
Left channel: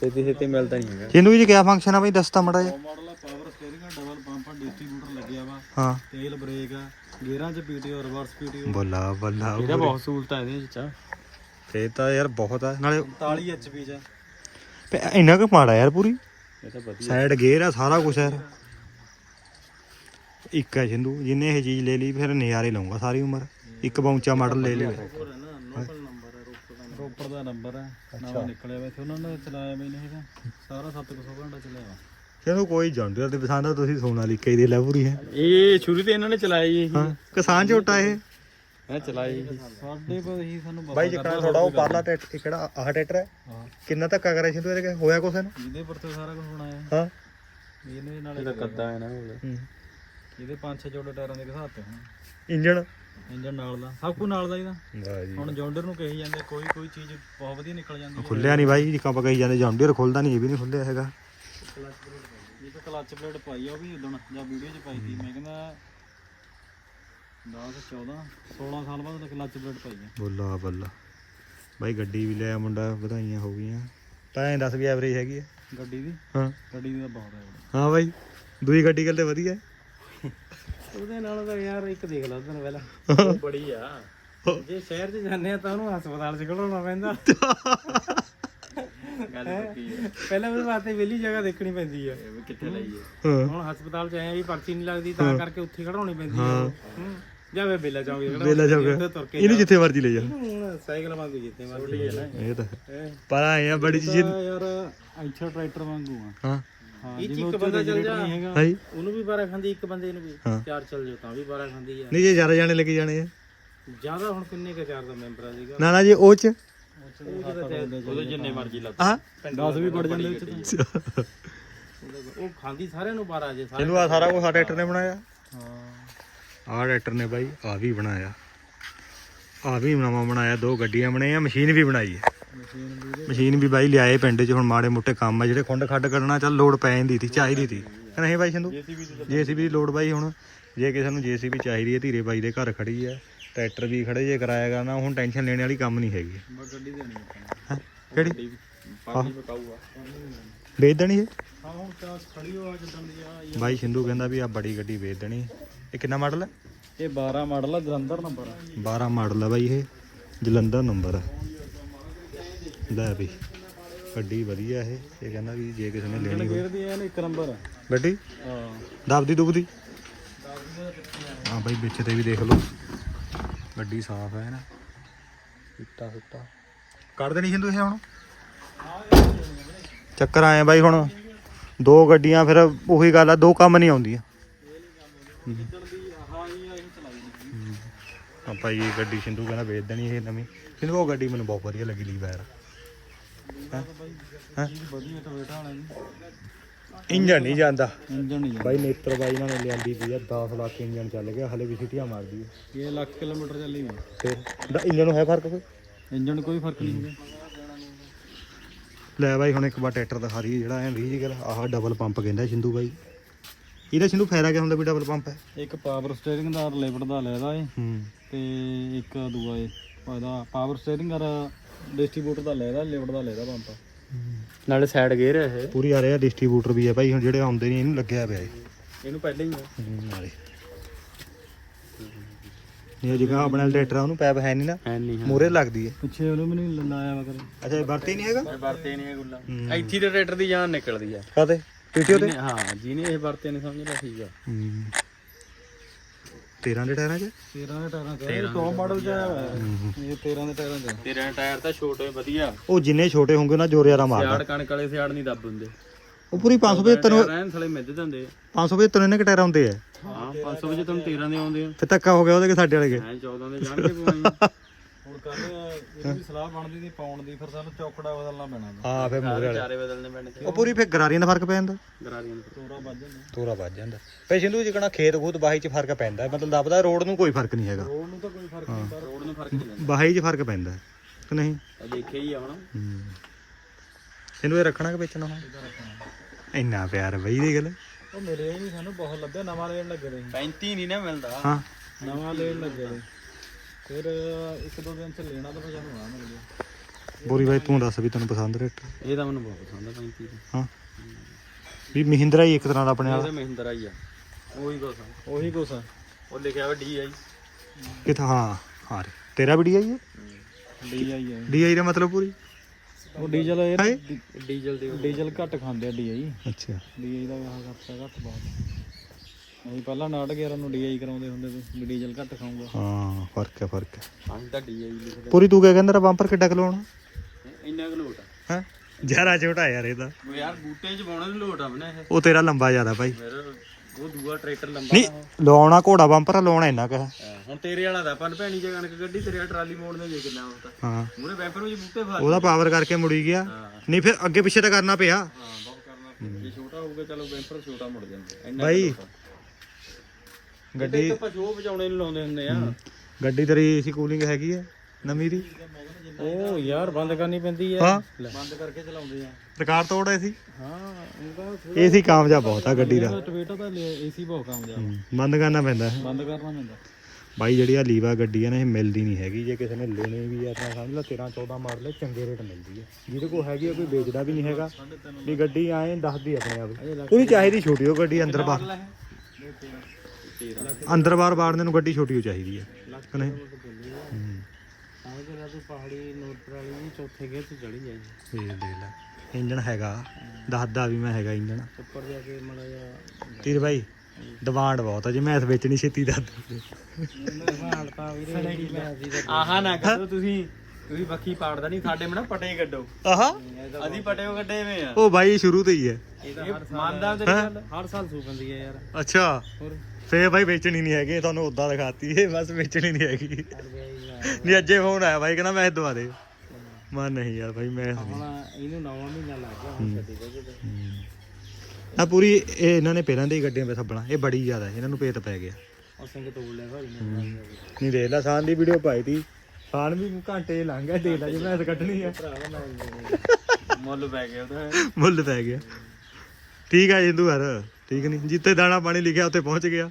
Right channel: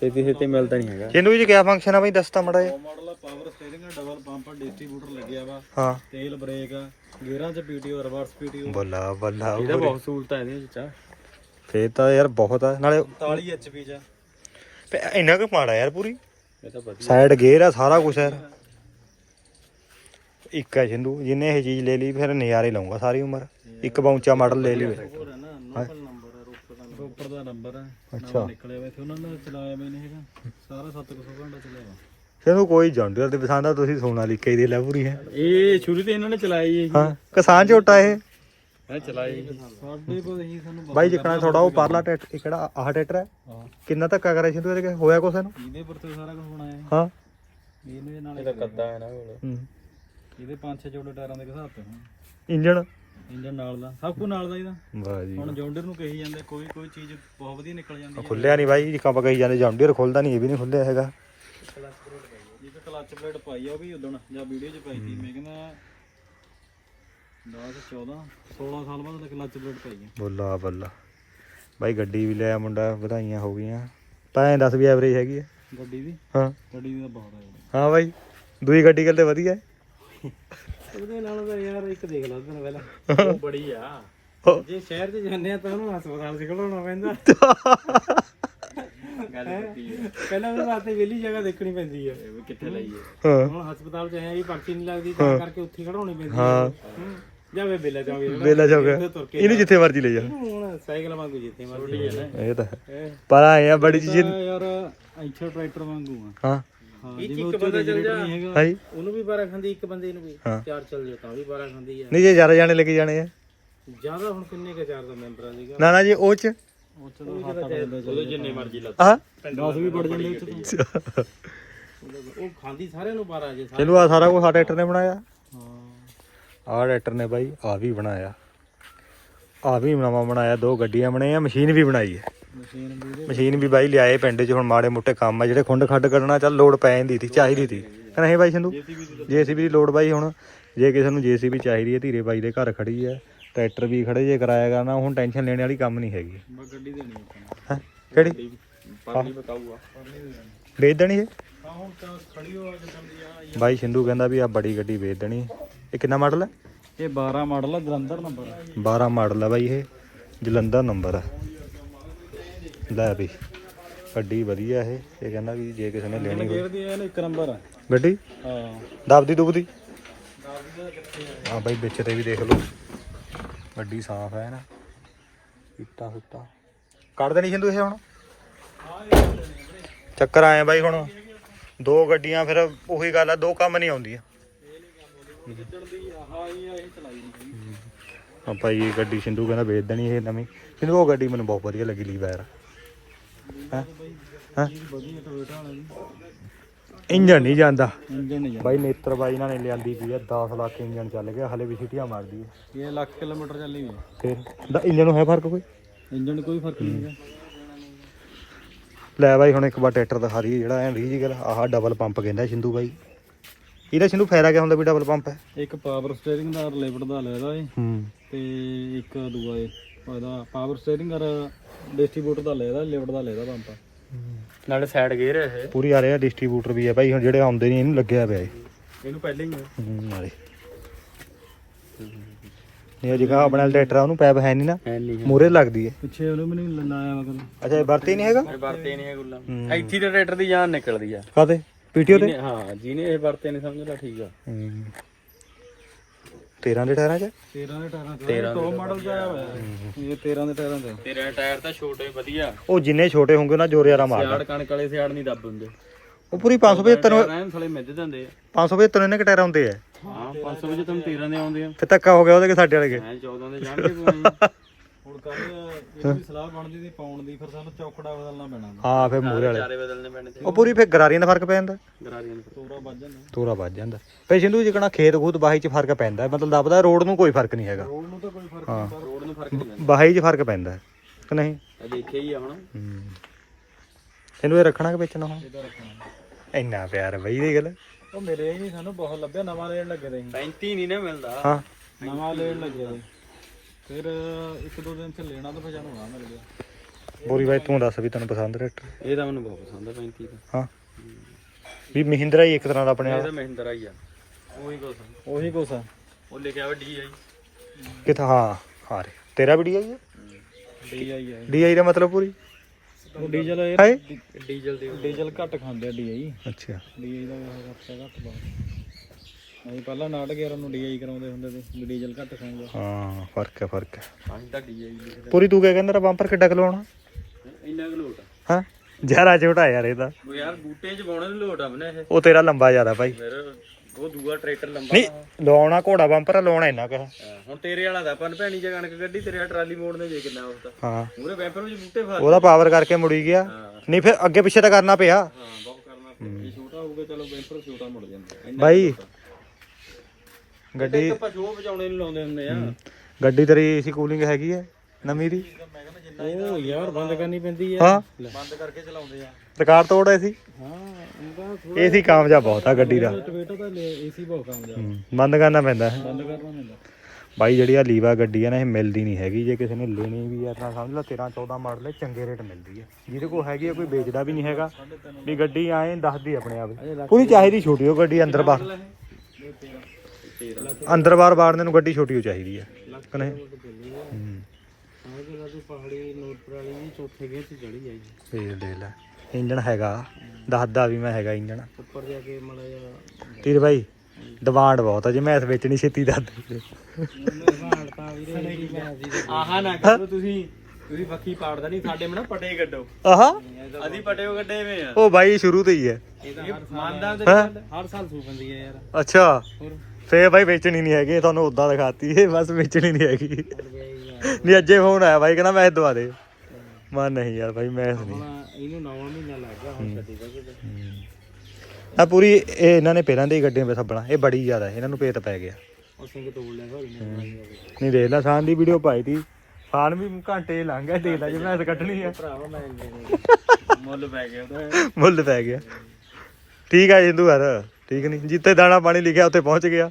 ਛੇਤੀ ਛੇਤੀ ਮਿਲਦਾ ਨਹੀਂ ਹੈਗਾ। ਇਹਨੂੰ ਵੀ ਕਿਆ ਫੰਕਸ਼ਨ ਆ ਬਾਈ? ਦੱਸ ਤਾਂ ਮੜਾ ਮਾਡਲ ਆ ਪਾਵਰ ਸਟੀਅਰਿੰਗ ਆ ਡਬਲ ਪੰਪ ਡਿਸਟ੍ਰੀਬਿਊਟਰ ਲੱਗਿਆ ਵਾ। ਹਾਂ। ਤੇਲ ਬ੍ਰੇਕ ਆ ਗੇਅਰਾਂ 'ਚ ਪੀਟੀਓ ਰਿਵਰਸ ਪੀਟੀਓ ਬੱਲਾ ਬੱਲਾ ਇਹਦਾ ਬਹੁਤ ਸਹੂਲਤਾਂ ਇਹਦੇ ਵਿੱਚ ਆ ਫੇਰ ਤਾਂ ਯਾਰ ਬਹੁਤ ਆ। ਨਾਲੇ 45 ਐਚਪੀ ਚ ਤੇ ਇੰਨਾ ਕੁ ਮਾੜਾ ਯਾਰ ਪੂਰੀ। ਇਹ ਤਾਂ ਵਧੀਆ। ਸਾਈਡ ਗੇਅਰ ਆ ਸਾਰਾ ਕੁਝ ਯਾਰ। ਇੱਕ ਸਿੰਧੂ ਇਹ ਚੀਜ਼ ਲੈ ਲਈ ਫਿਰ ਨਜ਼ਾਰੇ ਲਾਉਂਗਾ ਸਾਰੀ ਉਮਰ। ਇੱਕ ਬਾਉਂਚਾ ਮਾਡਲ ਲੈ ਲਿਓ ਹੋਰ ਹੈ ਨਾ ਨੋਬਲ ਨੰਬਰ ਆ ਰੋਪੜ ਦਾ ਨੰਬਰ ਆ। ਨਵਾਂ ਨਿਕਲਿਆ ਵੈਸੇ ਉਹਨਾਂ ਨੇ ਚਲਾਇਆ ਵੀ ਨਹੀਂ ਹੈਗਾ। ਸਾਰਾ 700 ਘੰਟਾ ਚੱਲਿਆ ਸਿੰਧੂ ਕੋਈ ਜੌਂਡੀਅਰ ਦੇ ਪਸੰਦ ਆ ਤੁਸੀਂ ਸੋਨਾ ਲਿਖੇ ਦੀ ਲੈ ਪੂਰੀ ਹੈ। ਇਹ ਸ਼ੁਰੂ ਤੇ ਇਹਨਾਂ ਨੇ ਚਲਾਈ ਇਹ। ਹਾਂ ਕਿਸਾਨ ਝੋਟਾ ਇਹ। ਇਹ ਚਲਾਈ ਸਾਡੇ ਕੋਲ ਹੀ ਸਾਨੂੰ ਬਾਈ ਜਿੱਕਣਾ ਥੋੜਾ ਉਹ ਪਰਲਾ ਟੈਟ ਕਿਹੜਾ ਆਹ ਟਰੈਕਟਰ ਹੈ? ਹਾਂ। ਕਿੰਨਾ ਧੱਕਾ ਕਰਿਆ ਸਿੰਧੂ ਇਹਦੇ ਹੋਇਆ ਕੁਛ ਇਹਨੂੰ? ਇਹਦੇ ਪਰ ਤੇ ਸਾਰਾ ਕੁਝ ਹੋਣਾ ਹੈ। ਹਾਂ। ਇਹਦੇ ਨਾਲ ਇਹਦਾ ਕੱਦਾ ਹੈ ਨਾ। ਇਹਦੇ ਪੰਜ ਛੇ ਜੋੜੇ ਟਾਇਰਾਂ ਦੇ ਹਿਸਾਬ ਤੇ ਹੁਣ। ਇੰਜਣ? ਇੰਜਨ ਨਾਲ ਦਾ। ਸਭ ਕੁਝ ਨਾਲ ਦਾ ਇਹਦਾ। ਵਾਹ ਜੀ। ਹੁਣ ਜੌਂਡਰ ਨੂੰ ਕਹੀ ਜਾਂਦੇ ਕੋਈ ਕੋਈ ਚੀਜ਼ ਬਹੁਤ ਵਧੀਆ ਨਿਕਲ ਜਾਂਦੀ ਹੈ। ਖੁੱਲਿਆ ਨਹੀਂ ਬਾਈ ਜਿੱਕਾਂ ਆਪਾਂ ਕਹੀ ਜਾਂਦੇ ਜੌਂਡੀਅਰ ਖੁੱਲਦਾ ਨਹੀਂ ਇਹ ਵੀ ਨਹੀਂ ਖੁੱਲਿਆ ਹੈਗਾ। ਕਲਚ ਪਲੇਟ ਪਾਈ ਇੱਕ ਕਲਚ ਪਲੇਟ ਪਾਈ ਆ ਉਹ ਵੀ ਉਦੋਂ ਜਾਂ ਵੀਡੀਓ 'ਚ ਪਾਈ ਸੀ। ਮੈਂ ਕਹਿੰਦਾ 10 14 16 ਸਾਲ ਬਾਅਦ ਤੱਕ ਕਲਚ ਪਲੇਟ ਪਾਈ ਆ। ਬੱਲਾ ਬੱਲਾ। ਬਾਈ ਗੱਡੀ ਵੀ ਲਿਆ ਮੁੰਡਾ ਵਧਾਈਆਂ ਹੋ ਗਈਆਂ। ਤਾਂ ਐਂ ਦੱਸ ਵੀ ਐਵਰੇਜ ਹੈਗੀ ਆ। ਗੱਡੀ ਦੀ? ਹਾਂ। ਗੱਡੀ ਦੀ ਤਾਂ ਬਹੁਤ ਹੈ। ਹਾਂ ਬਾਈ ਦੂਈ ਗੱਡੀ ਤੇ ਵਧੀਆ ਹੈ। ਉਹਦੇ ਨਾਲ ਤਾਂ ਯਾਰ ਇੱਕ ਦੇਖ ਲਾ ਤੈਨੂੰ ਪਹਿਲਾਂ। [laughs] ਬੜੀ ਆ। ਜੇ ਸ਼ਹਿਰ 'ਚ ਜਾਂਦੇ ਆ ਤਾਂ ਉਹਨੂੰ ਹਸਪਤਾਲ 'ਚ ਖੜਾਉਣਾ ਪੈਂਦਾ। [laughs] ਗੱਲ ਪਹਿਲਾਂ ਉਹਦੇ ਵਾਸਤੇ ਵਿਹਲੀ ਜਗ੍ਹਾ ਦੇਖਣੀ ਪੈਂਦੀ ਆ। ਕਿੱਥੇ ਲਈਏ ਹਾਂ ਹੁਣ ਹਸਪਤਾਲ 'ਚ ਆਏ ਆ ਵੀ ਪਰਚੀ ਨਹੀਂ ਲੱਗਦੀ ਤਾਂ ਕਰਕੇ ਉੱਥੇ ਖੜਾਉਣੀ ਪੈਂਦੀ ਆ। ਹਾਂ। ਹੂੰ। ਜਾਵੇ ਬੇਲਾ ਜਾਵੇ ਤੁਰ ਕੇ ਇਹਨੂੰ ਜਿੱਥੇ ਮਰਜ਼ੀ ਲੈ ਜਾ। ਹੁਣ ਸਾਈਕਲ ਵਾਂਗੂ ਜਿੱਥੇ ਹੈ ਨਾ। ਇਹ ਤਾਂ ਹੈ। ਪਰ ਆਏ ਆ ਬੜੀ ਚੀਜ਼ ਯਾਰ ਇੱਥੇ ਟਰੈਕਟਰ ਵਾਂਗੂ ਆ। ਹਾਂ। ਹਾਂ ਜਿਵੇਂ ਉੱਤੇ ਰੈਜੀਨੇਟਰ ਨਹੀਂ ਹੈਗਾ। ਹਾਈ ਉਹਨੂੰ ਵੀ ਬਾਰਾ ਖਾਂਦੀ ਇੱਕ ਬੰਦੇ ਨੂੰ ਵੀ। ਹਾਂ। ਚਾਰ ਚੱਲ ਜਾਓ ਤਾਂ ਵੀ ਬਾਰਾ ਖਾਂਦੀ ਆ। ਨਹੀਂ ਜੇ ਜ਼ਿਆਦਾ ਜਾਣੇ ਲੈ ਕੇ ਜਾਣੇ ਆ। ਜ਼ਿਆਦਾ ਹੁਣ ਕਿੰਨੇ ਕ ਚਾਰ ਦਾ ਮੈਂਬਰ ਆ ਸੀਗਾ? ਨਾ ਨਾ ਜੀ ਉਹ ਚ। ਉਹਦੇ ਜਿੰਨੇ ਮਰਜ਼ੀ ਲਾ ਹਾਂ। 10 ਵੀ ਵੜ ਜਾਂਦੇ ਵਿੱਚ ਤਾਂ। ਉਹ ਖਾਂਦੀ ਸਾਰਿਆਂ ਨੂੰ ਬਾਰਾ ਜੇ ਸਾਰੇ। ਚਲੋ ਆ ਸਾਰਾ ਕੁਝ ਸਾਡੇ ਟਰੈਕਟਰ ਨੇ ਬਣਾਇਆ। ਹਾਂ। ਆਹ ਟਰੈਕਟਰ ਨੇ ਬਾਈ ਆ ਵੀ ਬਣਾਇਆ। ਆ ਵੀ ਨਵਾਂ ਬਣਾਇਆ ਦੋ ਗੱਡੀਆਂ ਬਣਾਈਆਂ ਮਸ਼ੀਨ ਵੀ ਬਣਾਈ ਹੈ। ਮਸ਼ੀਨ ਵੀ ਬਾਈ ਲਿਆਏ ਪਿੰਡ 'ਚ ਹੁਣ ਮਾੜੇ ਮੋਟੇ ਕੰਮ ਆ ਜਿਹੜੇ ਖੁੰਡ ਖੱਡ ਕੱਢਣਾ ਚੱਲ ਲੋਡ ਪੈ ਜਾਂਦੀ ਸੀ ਚਾਹੀਦੀ ਸੀ। ਨਹੀਂ ਬਾਈ ਸਿੰਧੂ? ਜੇਸੀਬੀ ਦੀ ਲੋਡ ਬਾਈ ਹੁਣ ਜੇ ਕਿਸੇ ਨੂੰ ਜੇਸੀਬੀ ਚਾਹੀਦੀ ਹੈ ਧੀਰੇ ਬਾਈ ਦੇ ਘਰ ਖੜੀ ਹੈ ਟਰੈਕਟਰ ਵੀ ਖੜੇ ਜੇ ਕਰਾਇਆ ਕਰਨਾ ਹੁਣ ਟੈਨਸ਼ਨ ਲੈਣ ਵਾਲੀ ਕੰਮ ਨਹੀਂ ਹੈਗੀ। ਬਾ ਗੱਡੀ ਦੇਣੀ ਆਪਾਂ ਹੈਂ? ਕਿਹੜੀ? ਪਾਣੀ ਬਕਾਊਗਾ ਵੇਚ ਦੇਣੀ ਹੈ? ਹਾਂ ਹੋ ਬਾਈ ਸਿੰਧੂ ਕਹਿੰਦਾ ਵੀ ਆ ਬੜੀ ਗੱਡੀ ਵੇਚ ਦੇਣੀ। ਇਹ ਕਿੰਨਾ ਮਾਡਲ ਹੈ? ਇਹ 12 ਮਾਡਲ ਆ ਜਲੰਧਰ ਨੰਬਰ ਆ 12 ਮਾਡਲ ਹੈ ਬਾਈ ਇਹ ਜਲੰਧਰ ਨੰਬਰ ਹੈ। ਲੈ ਵੀ ਗੱਡੀ ਵਧੀਆ ਇਹ ਇਹ ਕਹਿੰਦਾ ਵੀ ਜੇ ਕਿਸੇ ਨੇ ਲੈਣੀ ਹੋਵੇ ਗੇਅਰ ਦੀ ਇਹ ਇੱਕ ਨੰਬਰ। ਆ ਗੱਡੀ? ਹਾਂ। ਦਬਦੀ ਦੁਬਦੀ? ਹਾਂ ਬਾਈ ਵਿੱਚ ਤੇ ਵੀ ਦੇਖ ਲਓ। ਗੱਡੀ ਸਾਫ਼ ਹੈ ਨਾ। ਇੱਟਾ ਸੁੱਟਾ ਕੱਢ ਦੇਣੀ ਸਿੰਧੂ ਇਹ ਹੁਣ। ਚੱਕਰ ਆਏ ਬਾਈ ਹੁਣ। ਦੋ ਗੱਡੀਆਂ ਫਿਰ ਉਹੀ ਗੱਲ ਆ ਦੋ ਕੰਮ ਨਹੀਂ ਆਉਂਦੀਆਂ। ਆਪਾਂ ਇਹ ਗੱਡੀ ਸਿੰਧੂ ਕਹਿੰਦਾ ਵੇਚ ਦੇਣੀ ਇਹ ਨਵੀਂ। ਸਿੰਧੂ ਉਹ ਗੱਡੀ ਮੈਨੂੰ ਬਹੁਤ ਵਧੀਆ ਲੱਗੀ ਲੀਵਰ ਹਾਂ ਹਾਂ? ਦੀ ਇੰਜਣ ਨਹੀਂ ਜਾਂਦਾ। ਇੰਜਨ ਨਹੀਂ ਬਾਈ ਨੇਤਰ ਬਾਈ ਇਹਨਾਂ ਨੇ ਲਿਆਂਦੀ ਪਈ ਆ 10 ਲੱਖ ਇੰਜਣ ਚੱਲ ਗਿਆ ਹਲੇ ਵੀ ਸਿਟੀਆਂ ਮਾਰਦੀ ਹੈ ਇਹ ਲੱਖ ਕਿਲੋਮੀਟਰ ਚੱਲੀ ਵੀ ਫਿਰ ਦਾ ਇੰਜਣ ਨੂੰ ਹੈ ਫ਼ਰਕ ਕੋਈ? ਇੰਜਨ ਕੋਈ ਫ਼ਰਕ ਨਹੀਂ ਹੈਗਾ। ਲੈ ਬਾਈ ਹੁਣ ਇੱਕ ਵਾਰ ਟਰੈਕਟਰ ਦਿਖਾ ਰਹੀ ਜਿਹੜਾ ਐ ਰੀਜੀਕਲ ਆਹ ਡਬਲ ਪੰਪ ਕਹਿੰਦਾ ਸਿੰਧੂ ਬਾਈ। ਇਹਦਾ ਸਿੰਧੂ ਫਾਇਦਾ ਕੀ ਹੁੰਦਾ ਵੀ ਡਬਲ ਪੰਪ ਹੈ? ਇੱਕ ਪਾਵਰ ਸਟੀਅਰਿੰਗ ਦਾ ਲਿਵਟ ਦਾ ਲੈਦਾ ਏ ਹੂੰ। ਤੇ ਇੱਕ ਦੂਆ ਏ ਉਹਦਾ ਪਾਵਰ ਸਟੀਅਰਿੰਗ ਔਰ ਡਿਸਟ੍ਰੀਬਿਊਟਰ ਦਾ ਲੈਦਾ ਲਿਵਟ ਦਾ ਲੈਦਾ ਪੰਪ। ਨਾਲੇ ਸਾਈਡ ਗੇਅਰ ਹੈ ਇਹ। ਪੂਰੀ ਆ ਰਿਹਾ ਡਿਸਟ੍ਰੀਬਿਊਟਰ ਵੀ ਹੈ ਭਾਈ ਹੁਣ ਜਿਹੜੇ ਆਉਂਦੇ ਨਹੀਂ ਇਹਨੂੰ ਲੱਗਿਆ ਪਿਆ ਏ ਇਹਨੂੰ ਪਹਿਲਾਂ ਹੀ ਹੂੰ, ਨਾਲੇ। ਇਹ ਜਿਹੜਾ ਆਪਣੇ ਟਰੈਕਟਰ ਆ ਉਹਨੂੰ ਪੈਪ ਹੈ ਨਹੀਂ ਨਾ। ਹੈ ਨਹੀਂ ਮੂਰੇ ਲੱਗਦੀ ਹੈ ਪਿੱਛੇ ਉਹਨੂੰ ਵੀ ਨਹੀਂ ਲਾਇਆ ਮਗਰ। ਅੱਛਾ ਇਹ ਵਰਤੀ ਨਹੀਂ ਹੈਗਾ? ਵਰਤੇ ਨਹੀਂ ਹੈ ਗੁੱਲਾ। ਹੂੰ। ਇੱਥੇ ਦੇ ਟਰੈਕਟਰ ਦੀ ਜਾਨ ਨਿਕਲਦੀ ਆ। ਕਾਦੇ ਪੀਟੀਓ ਤੇ? ਹਾਂ ਜਿਹਨੇ ਇਹ ਵਰਤੇ ਨਹੀਂ ਸਮਝ ਰਿਹਾ ਠੀਕ ਆ। ਹੂੰ। 13 ਦੇ ਟਾਇਰਾਂ 'ਚ? 13 ਦੇ ਟਾਇਰਾਂ ਚ। ਇਹ ਟੌਪ ਮਾਡਲ ਚ। ਆਇਆ ਹੋਇਆ ਇਹ 13 ਦੇ ਟਾਇਰਾਂ ਚ ਤੇਰਾ ਟਾਇਰ ਤਾਂ ਛੋਟੇ ਵਧੀਆ। ਉਹ ਜਿੰਨੇ ਛੋਟੇ ਹੋਣਗੇ ਨਾ ਜੋਰ ਯਾਰਾ ਮਾਰਦਾ। ਸਿਆੜ ਕਣਕ ਵਾਲੇ ਸਿਆੜ ਨਹੀਂ ਦੱਬ ਹੁੰਦੇ। ਉਹ ਪੂਰੀ 575 ਨੂੰ ਰਹਿਣ ਥਲੇ ਮਿੱਧ ਦਿੰਦੇ 575 ਇਹਨੇ ਕਿ ਟਾਇਰ ਹੁੰਦੇ ਆ। ਹਾਂ 500 ਵਜੇ ਤੁਹਾਨੂੰ 13 ਦੇ ਆਉਂਦੇ ਆ। ਫਿਰ ਧੱਕਾ ਹੋ ਗਿਆ ਉਹਦੇ ਕਿ ਸਾਡੇ ਵਾਲੇ ਕੇ। ਐ 14 ਦੇ ਜਾਣਗੇ ਕੋਈ। [laughs] ਕੱਲ ਸਲਾਹ ਬਣਦੀ ਸੀ ਪਾਉਣ ਦੀ ਫਿਰ ਸਾਨੂੰ ਚੌਕੜਾ ਬਦਲਣਾ ਪੈਣਾ। ਹਾਂ ਫਿਰ ਮੂਰੇ ਵਾਲੇ। ਚਾਰੇ ਬਦਲਨੇ ਪੈਣੇ ਉਹ ਪੂਰੀ ਫਿਰ ਗਰਾਰੀਆਂ ਦਾ ਫ਼ਰਕ ਪੈ ਜਾਂਦਾ? ਗਰਾਰੀਆਂ ਦੇ ਪੂਰਾ ਵੱਜ ਜਾਂਦਾ। ਤੂਰਾ ਵੱਜ ਜਾਂਦਾ। ਭਈ ਸਿੰਧੂ ਜਿਕਣਾ ਖੇਤ ਖੂਤ ਬਾਹੀ 'ਚ ਫ਼ਰਕ ਪੈਂਦਾ। ਮਤਲਬ ਦੱਬਦਾ ਰੋਡ ਨੂੰ ਕੋਈ ਫ਼ਰਕ ਨਹੀਂ ਹੈਗਾ। ਰੋਡ ਨੂੰ ਤਾਂ ਕੋਈ ਫ਼ਰਕ ਹਾਂ। ਰੋਡ ਨੂੰ ਫ਼ਰਕ ਨਹੀਂ ਬਾਹੀ 'ਚ ਫ਼ਰਕ ਪੈਂਦਾ ਹੈ ਕਿ ਨਹੀਂ? ਉਹ ਦੇਖਿਆ ਹੀ ਆ ਹੁਣ। ਇਹਨੂੰ ਇਹ ਰੱਖਣਾ ਕਿ ਵੇਚਣਾ ਹੁਣ? ਇਹਦਾ ਰੱਖਣਾ। ਇੰਨਾ ਪਿਆਰ ਬਈ ਦੀ ਗੱਲ। ਉਹ ਮੇਰੇ ਹੀ ਨਹੀਂ ਸਾਨੂੰ ਬਹੁਤ ਲੱਭਿਆ ਨਵਾਂ ਲੈਣ ਲੱਗੇ ਦੇ 35 ਨਹੀਂ ਨਾ ਮਿਲਦਾ। ਹਾਂ। ਨਵਾਂ ਲੈਣ ਲੱਗੇ। ਫਿਰ ਇੱਕ ਦੋ ਦਿਨ ਚ ਲੈਣਾ ਤਾਂ ਸਾਨੂੰ ਨਾ ਮਿਲ ਗਿਆ ਬੋਰੀ ਬਾਈ ਤੂੰ ਦੱਸ ਵੀ ਤੈਨੂੰ ਪਸੰਦ ਟਰੈਕਟਰ? ਇਹ ਤਾਂ ਮੈਨੂੰ ਬਹੁਤ ਪਸੰਦ ਆ 35 ਦਾ। ਹਾਂ। ਵੀ ਮਹਿੰਦਰਾ ਹੀ ਇੱਕ ਤਰ੍ਹਾਂ ਦਾ ਆਪਣੇ ਇਹ ਨਾਲ ਤਾਂ ਮਹਿੰਦਰਾ ਹੀ ਆ। ਉਹੀ ਕੁਛ ਆ। ਉਹੀ ਕੁਛ ਆ। ਉਹ ਲਿਖਿਆ ਹੋਇਆ ਡੀ ਆਈ। ਕਿਥਾ? ਹਾਂ ਹਾਂ ਰੇ। ਤੇਰਾ ਵੀ DI ਹੈ ਡੀਆਈ ਆ। DI ਦਾ ਮਤਲਬ ਪੂਰੀ? ਉਹ ਡੀਜ਼ਲ ਇਹ ਹੈ ਡੀਜ਼ਲ ਦੀ। ਡੀਜ਼ਲ ਘੱਟ ਖਾਂਦੇ ਆ ਡੀਆਈ ਅੱਛਾ। ਡੀਆਈ ਦਾ ਘੱਟ ਬਹੁਤ। ਅਸੀਂ ਪਹਿਲਾਂ 911 ਨੂੰ ਡੀਆਈ ਕਰਾਉਂਦੇ ਹੁੰਦੇ ਤੇ ਡੀਜ਼ਲ ਘੱਟ ਖਾਊਗਾ। ਹਾਂ ਫ਼ਰਕ ਹੈ ਫ਼ਰਕ ਹੈ। ਹਾਂ ਤਾਂ ਡੀ ਆਈ ਲਿਖਦਾ ਪੂਰੀ ਤੂੰ ਕਿਆ ਕਹਿੰਦਾ ਰਾ ਬੰਪਰ ਕਿੱਡਾ ਕਲਵਾਉਣਾ ਇੰਨਾ ਕੁ ਲੋਟ ਆ। ਹਾਂ? ਜਰਾ ਝੋਟਾ ਯਾਰ ਇਹਦਾ। ਉਹ ਯਾਰ ਬੂਟੇ ਚ ਪਾਉਣੇ ਨੂੰ ਲੋਟ ਆ ਬਣਾ ਇਹ। ਉਹ ਤੇਰਾ ਲੰਬਾ ਜ਼ਿਆਦਾ ਭਾਈ। ਫਿਰ ਉਹ ਦੂਆ ਟਰੈਕਟਰ ਲੰਦਾ ਨਹੀਂ ਲਾਉਣਾ ਘੋੜਾ ਬੰਪਰ ਆ, ਲਾਉਣਾ ਇੰਨਾ ਕਹ ਹਾਂ, ਹੁਣ ਤੇਰੇ ਵਾਲਾ ਦਾ ਪਨ ਭੈਣੀ ਜੇ ਕਣਕ ਗੱਡੀ ਤੇਰੇ ਵਾਲਾ ਟਰਾਲੀ ਮੋੜਨੇ ਜੇ ਕਿੰਨਾ ਹੁੰਦਾ ਹਾਂ। ਮੂਰੇ ਵੈਂਪਰ ਵਿੱਚ ਬੂਟੇ ਫਸ ਉਹਦਾ ਪਾਵਰ ਕਰਕੇ ਮੁੜੀ ਗਿਆ। ਹਾਂ। ਨਹੀਂ ਫਿਰ ਅੱਗੇ ਪਿੱਛੇ ਤਾਂ ਕਰਨਾ ਪਿਆ। ਹਾਂ ਬਹੁਤ ਕਰਨਾ ਪੈਂਦਾ। ਜੇ ਛੋਟਾ ਹੋਊਗਾ ਚਲੋ ਵੈਂਪਰ ਛੋਟਾ ਮੁੜ ਜਾਂਦਾ। ਇੰਨਾ ਬਾਈ ਗੱਡੀ ਆਪਾਂ ਜੋ ਬਚਾਉਣੇ ਨੂੰ ਲਾਉਂਦੇ ਹੁੰਦੇ ਆ। ਗੱਡੀ ਤੇਰੀ ਏਸੀ ਕੂਲਿੰਗ ਹੈਗੀ ਹੈ ਨਵੀਂ ਦੀ? ਉਹ ਯਾਰ ਬੰਦ ਕਰਨੀ ਪੈਂਦੀ ਹਾਂ। ਬੰਦ ਕਰਕੇ ਚਲਾਉਂਦੇ ਆ। ਰਿਕਾਰਡ ਤੋੜ ਏਸੀ ਹਾਂ ਉਹਦਾ ਏਸੀ ਕਾਮਯਾਬ ਬਹੁਤ ਆ ਗੱਡੀ ਦਾ। ਟਵੇਟਾ ਤਾਂ ਏਸੀ ਬਹੁਤ ਕਾਮਯਾਬ ਬੰਦ ਕਰਨਾ ਪੈਂਦਾ ਹੈ। ਬੰਦ ਕਰਨਾ ਪੈਂਦਾ। ਬਾਈ ਜਿਹੜੀ ਆ ਲੀਵਾ ਗੱਡੀ ਆ ਨਾ ਇਹ ਮਿਲਦੀ ਨਹੀਂ ਹੈਗੀ। ਜੇ ਕਿਸੇ ਨੇ ਲੈਣੀ ਵੀ ਆ ਤਾਂ ਸਮਝ ਲਾ 13 14 ਮਾਡਲ ਹੈ ਚੰਗੇ ਰੇਟ ਮਿਲਦੀ ਹੈ ਜਿਹਦੇ ਕੋਲ ਹੈਗੀ ਆ ਕੋਈ ਵੇਚਦਾ ਵੀ ਨਹੀਂ ਹੈਗਾ। ਵੀ ਗੱਡੀ ਆਏ ਦੱਸਦੀ ਆਪਣੇ ਆਪ। ਪੂਰੀ ਚਾਹੀਦੀ ਛੋਟੀ ਉਹ ਗੱਡੀ ਅੰਦਰ ਬਾਹਰ ਅੰਦਰ ਬਾਹਰ ਬਾੜਨੇ ਨੂੰ ਗੱਡੀ ਛੋਟੀ ਹੋ ਚਾਹੀਦੀ ਹੈ ਕਿ ਨਹੀਂ? ਹੂੰ। ਆਹ ਜਿਹੜਾ ਤੂੰ ਪਹਾੜੀ ਨੋਟਪੁਰ ਵਾਲੀ ਦੀ ਚੌਥੇ ਗੇਅਰ 'ਚ ਚੜੀ ਜਾਈ ਫੇਰ ਦੇ ਲੈ ਇੰਜਣ ਹੈਗਾ ਦੱਸਦਾ ਵੀ ਮੈਂ ਹੈਗਾ ਇੰਜਣ। ਉੱਪਰ ਜਾ ਕੇ ਮੜਾ ਜਾ ਤੀਰ ਭਾਈ ਡਿਮਾਂਡ ਬਹੁਤ ਆ ਜੇ ਮੈਂ ਇਸ ਵਿੱਚ ਨਹੀਂ ਛੇਤੀ ਦੱਸਦੇ ਹਾਲਤਾ ਵੀਰੇ ਆਹਾ ਨਾ ਕਰੋ ਤੁਸੀਂ ਤੁਸੀਂ ਬੱਕੀ ਪਾੜਦਾ ਨਹੀਂ ਸਾਡੇ ਮਨਾ ਪਟੇ ਗੱਡੋ ਆਹਾ? ਅਸੀਂ ਪਟੇ ਗੱਡੇ ਵੇਂ ਆ। ਉਹ ਬਾਈ ਸ਼ੁਰੂ ਤੋਂ ਹੀ ਹੈ। ਇਹ ਤਾਂ ਹਰ ਮੰਨਦਾ ਤੇ ਹੈਂ? ਹਰ ਸਾਲ ਸੂ ਪੈਂਦੀ ਹੈ ਯਾਰ। ਅੱਛਾ। ਹੋਰ? ਫੇਰ ਬਾਈ ਵੇਚਣੀ ਨਹੀਂ ਹੈਗੀ ਤੁਹਾਨੂੰ ਉਦਾਂ ਦਿਖਾਤੀ। ਇਹ ਬਸ ਵੇਚਣੀ ਨਹੀਂ ਹੈਗੀ। ਨਹੀਂ ਅੱਜੇ ਫੋਨ ਆਇਆ ਬਾਈ ਕਹਿੰਦਾ ਮੈਂ ਦਵਾ ਦੇ। ਮੈਂ ਨਹੀਂ ਯਾਰ ਬਾਈ ਮੈਂ ਨਹੀਂ ਹੁਣ ਇਹਨੂੰ ਨਵਾਂ ਮਹੀਨਾ ਲੱਗ ਗਿਆ ਹੁਣ ਛੱਡੀ ਦੇ ਆ ਪੂਰੀ ਇਹ ਇਹਨਾਂ ਨੇ ਪਹਿਲਾਂ ਦੇ ਹੀ ਗੱਡੀਆਂ 'ਤੇ ਸੱਬਣਾ ਇਹ ਬੜੀ ਜ਼ਿਆਦਾ ਇਹਨਾਂ ਨੂੰ ਪੇਤ ਪੈ ਗਿਆ। ਉਹ ਸਿੰਘ ਤੋੜ ਲਿਆ ਭਾਈ ਨੇ ਨਹੀਂ ਦੇਖ ਲੈ ਸਾਨ ਦੀ ਵੀਡੀਓ ਪਾਈ ਤੀ। ਸਾਨ ਵੀ ਘੰਟੇ ਲੰਘ ਗਿਆ ਦੇਖ ਲੈ ਜੇ ਮੈਂ ਕੱਢਣੀ ਆ। [laughs] ਮੁੱਲ ਪੈ ਗਿਆ ਉਹਦਾ। ਮੁੱਲ ਪੈ ਗਿਆ। ਠੀਕ ਆ ਜਿੰਦੂ ਯਾਰ ਠੀਕ ਨਹੀਂ ਜਿੱਥੇ ਦਾਣਾ ਪਾਣੀ ਲਿਖਿਆ ਉੱਥੇ ਪਹੁੰਚ ਗਿਆ।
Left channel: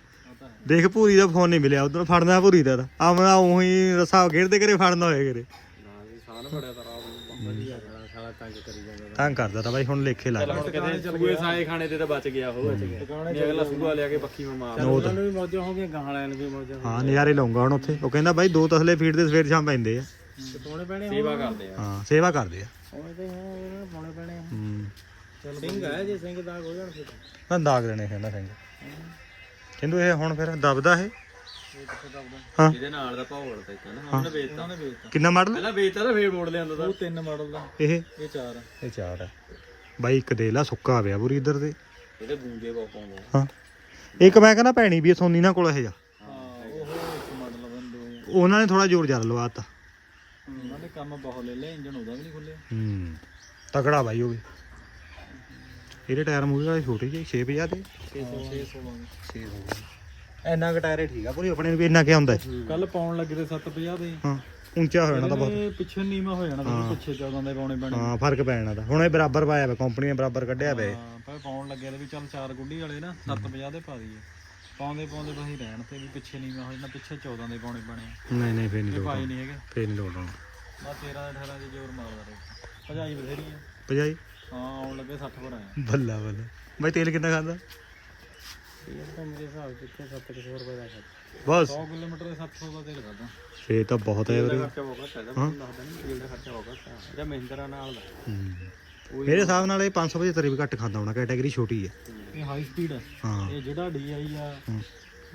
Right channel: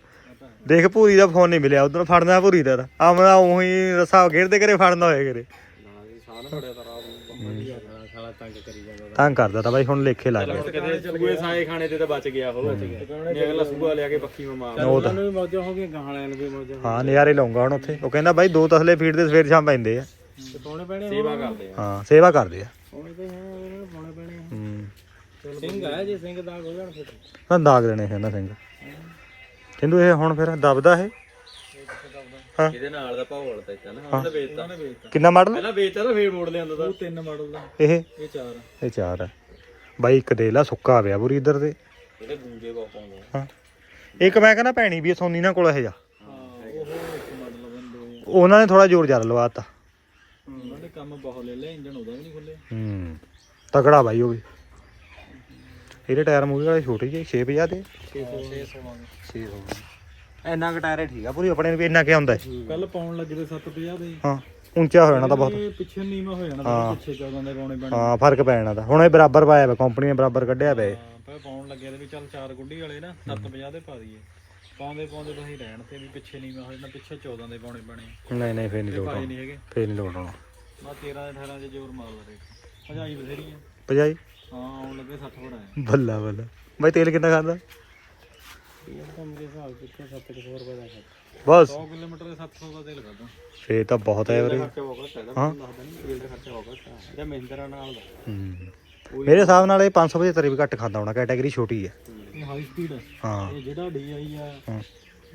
ਦੇਖ ਭੂਰੀ ਦਾ ਫੋਨ ਨਹੀਂ ਮਿਲਿਆ ਉਧਰ ਫੜਨਾ ਭੂਰੀ ਦਾ ਤਾਂ। ਆਮਣਾ ਉਹੀ ਰਸਾ ਘੇਰਦੇ ਕਰੇ ਫੜਨਾ ਹੋਏ ਕਰੇ ਤਾਂ ਤੰਗ ਕਰਦਾ ਤਾਂ ਬਾਈ ਹੁਣ ਲੇਖੇ ਲੱਗ ਕਿਤੇ ਸੂਏ ਸਾਏ ਖਾਣੇ ਤੇ ਤਾਂ ਬਚ ਗਿਆ ਉਹ ਜੇ ਅਗਲਾ ਸੂਆ ਲਿਆ ਕੇ ਮਾ ਮਾਰ ਤਾਂ। ਨੂੰ ਵੀ ਮੌਜਾਂ ਹੋ ਗਈਆਂ ਗਾਂ ਵਾਲਿਆਂ ਨੂੰ ਵੀ ਮੌਜਾਂ ਹਾਂ ਨਜ਼ਾਰੇ ਲਾਉਂਗਾ ਹੁਣ ਉੱਥੇ। ਉਹ ਕਹਿੰਦਾ ਬਾਈ ਦੋ ਤਸਲੇ ਫੀਡ ਦੇ ਸਵੇਰ ਸ਼ਾਮ ਪੈਂਦੇ ਆ। ਤੇ ਸੇਵਾ ਕਰਦੇ ਆ। ਹਾਂ ਸੇਵਾ ਕਰਦੇ ਆ ਪਾਉਣੇ ਤੇ ਹਾਂ ਇਹਨਾਂ ਨੂੰ ਪਾਉਣੇ ਪੈਣੇ ਹੂੰ ਸਿੰਘ ਆ ਜੇ ਸਿੰਘ ਦਾ ਹੋ ਜਾਣ ਫਿਰ ਨਾ ਦਾਗ ਕਹਿੰਦਾ ਸਿੰਘ। ਕਹਿੰਦੂ ਇਹ ਹੁਣ ਫਿਰ ਦਬਦਾ ਇਹ? ਹਾਂ। ਇਹਦੇ ਨਾਲ ਦਾ ਭੌਲ ਤਾਂ ਕਹਿੰਦਾ ਹਾਂ। ਉਹਨੇ ਵੇਚਤਾ। ਉਹਨੇ ਵੇਚਤਾ। ਕਿੰਨਾ ਮਾਡਲ? ਪਹਿਲਾਂ ਵੇਚਤਾ ਤਾਂ ਫੇਰ ਮੋੜ ਲਿਆਂਦਾ ਤਾਂ। ਉਹ ਤਿੰਨ ਮਾਡਲ ਦਾ। ਇਹ? ਇਹ ਚਾਰ ਆ। ਇਹ ਚਾਰ ਆ। ਬਾਈ ਇੱਕ ਦੇ ਲਾ ਸੁੱਕਾ ਪਿਆ ਪੂਰੀ ਇੱਧਰ ਦੇ ਇਹਦੇ ਗੂੰਜੇ ਬਹੁਤ ਪਾਉਂਦੇ ਹਾਂ। ਇੱਕ ਮੈਂ ਕਹਿੰਦਾ ਭੈਣੀ ਵੀ ਸੋਨੀ ਨਾਲ ਕੋਲ ਇਹ ਜਾ ਹਾਂ ਉਹ ਇੱਕ ਮਾਡਲ ਬੰਦੇ। ਉਹਨਾਂ ਨੇ ਥੋੜਾ ਜ਼ੋਰ ਜ਼ਿਆਦਾ ਲਵਾਤਾ ਉਹਨਾਂ ਨੇ ਕੰਮ ਬਹੁਤ ਲੈ ਲਿਆ ਇੰਜਨ ਉਹਦਾ ਵੀ ਨਹੀਂ ਖੁੱਲਿਆ ਹੂੰ। ਤਕੜਾ ਬਾਈ ਉਹ ਵੀ। ਇਹਦੇ ਟਾਇਰ ਮੂਹਰੇ ਵਾਲੇ ਛੋਟੇ ਜਿਹੇ 650 ਦੇ। 600 ਮੰਗ ਇੰਨਾ ਕੁ ਟਾਇਰ ਠੀਕ ਆ ਪੂਰੀ ਆਪਣੇ ਨੂੰ ਵੀ ਇੰਨਾ ਕਿ ਹੁੰਦਾ ਹੈ। ਕੱਲ ਪਾਉਣ ਲੱਗੇ ਤੇ 750 ਦੇ। ਹਾਂ ਉੱਚਾ ਹੋ ਜਾਣਾ ਤਾਂ ਬਹੁਤ। ਇਹ ਪਿੱਛੇ ਨੀਵਾ ਹੋ ਜਾਣਾ ਤਾਂ ਪਿੱਛੇ 14 ਦੇ ਪਾਉਣੇ ਪੈਣੇ। ਹਾਂ ਫ਼ਰਕ ਪੈ ਜਾਣਾ ਤਾਂ। ਹੁਣ ਇਹ ਬਰਾਬਰ ਪਾਇਆ ਵਾ ਕੰਪਨੀ ਨੇ ਬਰਾਬਰ ਕੱਢਿਆ ਵੇ ਹਾਂ, ਪਰ ਪਾਉਣ ਲੱਗੇ ਤੇ ਵੀ ਚੱਲ ਚਾਰ ਗੁੱਡੀ ਵਾਲੇ ਨਾ 750 ਦੇ ਪਾ ਦਈਏ। ਪਾਉਂਦੇ ਪਾਉਂਦੇ ਤਾਂ ਹੀ ਰਹਿਣ ਤੇ ਵੀ ਪਿੱਛੇ ਨੀਵਾ ਹੋ ਜਾਣਾ ਪਿੱਛੇ 14 ਦੇ ਪਾਉਣੇ ਪੈਣੇ। ਨਹੀਂ ਨਹੀਂ ਫੇਰ ਨਹੀਂ ਲੋਟ ਭਾਈ ਨਹੀਂ ਹੈਗੇ। ਫੇਰ ਨਹੀਂ ਲੋਟ ਆਉਣਾ। ਨਾ 13 18 ਦੇ ਜ਼ੋਰ ਮਾਰਦਾ ਤੇ। ਭਜਾਈ ਬਥੇਰੀ ਆ। ਭਜਾਈ? ਹਾਂ ਆਉਣ ਲੱਗੇ 60 ਪਰ ਆਇਆ ਬੱਲਾ ਬੱਲਾ। ਬਾਈ ਤੇਲ ਕਿੰਨਾ ਖਾਂਦਾ? ਇਹ ਤਾਂ ਮੇਰੇ ਹਿਸਾਬ ਪਿੱਛੇ 700 ਰੁਪਏ ਦਾ ਖਰਚ। ਬਸ। 100 ਕਿਲੋਮੀਟਰ ਦੇ 700 ਦਾ ਤੇਲ ਕਰਦਾ ਫੇਰ ਤਾਂ ਬਹੁਤ ਹੈ ਵੀਰੇ ਖਰਚਾ ਬਹੁਤ ਘੱਟ ਹੈ। ਹਾਂ। ਲੱਗਦਾ ਨਹੀਂ ਤੇਲ ਦਾ ਖਰਚਾ ਬਹੁਤ ਘੱਟ ਹੈ ਇਹਦਾ ਮਹਿੰਦਰਾ ਨਾਲ ਦਾ। ਹੂੰ। ਮੇਰੇ ਹਿਸਾਬ ਨਾਲ ਇਹ 575 ਵੀ ਘੱਟ ਖਾਂਦਾ ਹੋਣਾ ਕੈਟਾਗਰੀ ਛੋਟੀ ਹੈ ਇਹ ਹਾਈ ਸਪੀਡ ਹਾਂ। ਇਹ ਜਿਹੜਾ DI ਆ।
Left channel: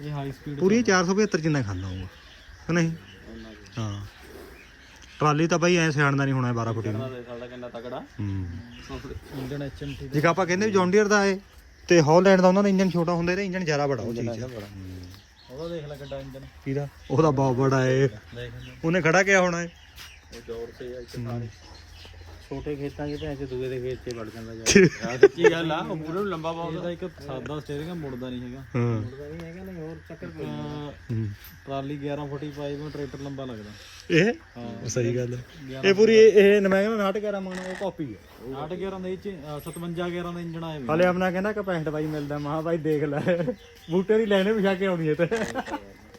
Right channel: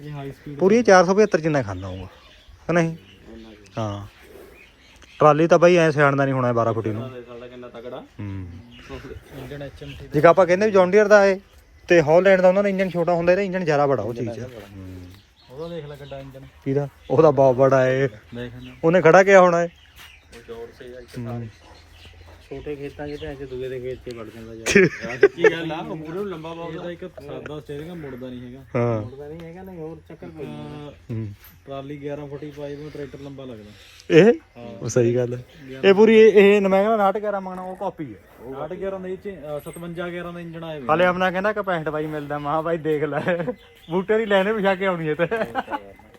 ਇਹ ਹਾਈ ਸਪੀਡ ਪੂਰੀ 475 ਜਿੰਨਾ ਖਾਂਦਾ ਹੋਊਗਾ। ਕਿ ਨਹੀਂ? ਹਾਂ। ਟਰਾਲੀ ਤਾਂ ਬਾਈ ਐ ਸਿਆਣਦਾ ਨਹੀਂ ਹੋਣਾ 12 ਫੁੱਟੀ ਨੂੰ। ਸਾਡਾ ਕਿੰਨਾ ਤਕੜਾ? ਹੂੰ। ਇੰਜਨ ਜਿਵੇਂ ਆਪਾਂ ਕਹਿੰਦੇ ਵੀ ਜੌਂਡੀਅਰ ਦਾ ਏ ਤੇ ਹੌਲੈਂਡ ਦਾ ਉਹਨਾਂ ਦਾ ਇੰਜਨ ਛੋਟਾ ਹੁੰਦਾ ਇਹਦਾ ਇੰਜਨ ਜ਼ਿਆਦਾ ਬੜਾ ਉਹ ਚੀਜ਼ ਆ। ਉਹਦਾ ਦੇਖ ਲੈ ਕਿੰਨਾ ਇੰਜਨ। ਕਿਹਦਾ? ਉਹਦਾ ਬਹੁਤ ਬੜਾ ਏ। ਉਹਨੇ ਖੜਾ ਕਿਆ ਹੋਣਾ ਏ? ਉਹ ਜੋੜ ਸੇ ਯਾਰ ਛੋਟੇ ਖੇਤਾਂ 'ਚ ਭੈਂਸ ਦੂਏ ਦੇ ਖੇਤ 'ਚ ਵੜ ਜਾਂਦਾ ਯਾਰ [laughs] ਸੱਚੀ ਗੱਲ ਆ ਉਹ ਪੂਰਾ ਲੰਬਾ ਬਹੁਤ ਇਹਦਾ ਇੱਕ ਸਾਦਾ ਸਟੀਅਰਿੰਗ ਆ ਮੁੜਦਾ ਨਹੀਂ ਹੈਗਾ। ਹਾਂ। ਮੁੜਦਾ ਨਹੀਂ ਹੈਗਾ ਨਾ ਹੋਰ ਚੱਕਰ ਕੋਈ ਨਹੀਂ ਹੂੰ। ਟਰਾਲੀ 11 ਫੁੱਟੀ ਪਾਈ ਵੀ ਟਰੈਕਟਰ ਲੰਬਾ ਲੱਗਦਾ। ਇਹ? ਉਹ ਸਹੀ ਗੱਲ ਹੈ ਇਹ ਪੂਰੀ ਇਹ ਇਹ ਮੈਂ ਕਹਿੰਦਾ ਨਾਟਕ ਕਰਾ ਮੰਗਣਾ ਉਹ ਕਾਪੀ ਹੈ 8 11 ਦੇ ਚ 57 11 ਦਾ ਇੰਜਨ ਆਏ ਵੇ ਹਾਲੇ ਆਪਣਾ ਕਹਿੰਦਾ ਕਿ 65 ਬਾਈ ਮਿਲਦਾ ਮਹਾ ਬਾਈ ਦੇਖ ਲੈ। [laughs] ਬੂਟੇ ਦੀ ਲੈਣੇ ਵਿਛਾ ਕੇ ਆਉਣੀ ਹੈ ਤੇ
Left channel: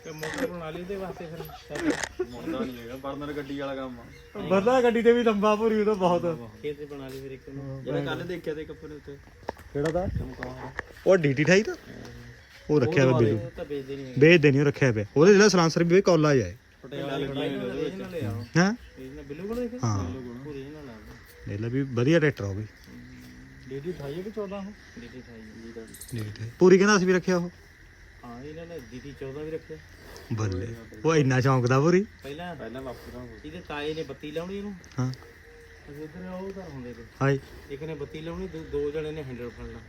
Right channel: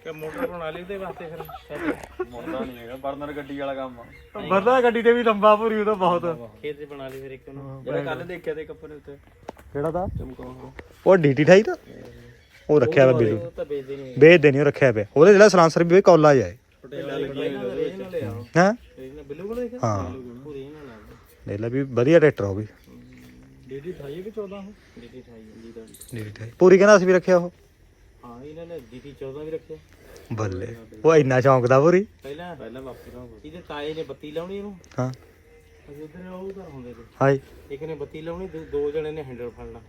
ਕਿ ਮੋਟਰ ਬਣਾ ਲਈ ਉਹਦੇ ਵਾਸਤੇ ਫਿਰ। ਮੁੜਦਾ ਨਹੀਂ ਹੈਗਾ ਬਰਨਰ ਗੱਡੀ ਵਾਲਾ ਕੰਮ ਆ। ਬਰਦਾ ਗੱਡੀ ਤੇ ਵੀ ਲੰਬਾ ਪੂਰੀ ਉਹਦਾ ਬਹੁਤ। ਖੇਤ 'ਚ ਬਣਾ ਲਈ ਫਿਰ ਇੱਕ ਨੂੰ ਜਿਹੜਾ ਕੱਲ ਦੇਖਿਆ ਤੇ ਕੱਪੜੇ ਉੱਤੇ। ਕਿਹੜਾ ਦਾ। ਚਮਕਾਉਣਾ ਉਹ ਡੀਟੀ 28 ਦਾ ਉਹ ਰੱਖਿਆ ਹੋਇਆ ਬਿੱਲੂ। ਉਹ ਤਾਂ ਵੇਚਦੇ ਨਹੀਂ ਵੇਚਦੇ ਨਹੀਂ ਉਹ ਰੱਖਿਆ ਪਿਆ। ਉਹਦੇ ਜਿਹੜਾ ਸਲਾਂਸਰ ਵੀ ਕਾਲਜ ਹੈ। ਪਟਿਆਲੇ ਇਹਨਾਂ ਲੈ ਆਓ ਹਾਂ। ਇਹਨਾਂ ਬਿੱਲੂ ਕੋਲ ਦੇਖਿਆ? ਹਾਂ। ਪੂਰੀ ਇਹਨਾਂ ਨਾਲ। ਦੇਖ ਲੈ ਵੀ ਵਧੀਆ ਟਰੈਕਟਰ ਹੋ ਵੀ। ਡੀਡੀ 28 ਕਿ 14 ਉਹ? ਡੀਟੀ 28 ਜੀ ਦਾ ਡੀਟੀ 28 ਪੂਰੀ ਕਹਿੰਦਾ ਅਸੀਂ ਵੀ ਰੱਖਿਆ ਉਹ। ਇਹਨਾਂ ਨੇ ਡੀਟੀ 14 ਵੀ ਰੱਖਿਆ। ਬੱਲੇ ਉਹ ਇੰਨਾ ਸ਼ੌਂਕ ਦਾ ਪੂਰੀ ਪਹਿਲਾਂ ਪਹਿਲਾਂ ਵਾਪਸ ਇਹਦੇ ਤਾਏ ਨੇ ਬੱਤੀ ਲਾਉਣੀ ਇਹਨੂੰ। ਹਾਂ। ਅਸੀਂ ਉਧਰ ਉਹ ਘਰ ਹੁੰਦੇ ਤੇ। ਹਾਈ ਇੱਕ ਨੇ ਬੱਤੀ ਲਾਉਣੀ ਦੋ- ਦੋ ਜਣੇ ਨੇ ਹੈਂਡਲ ਫੜਨਾ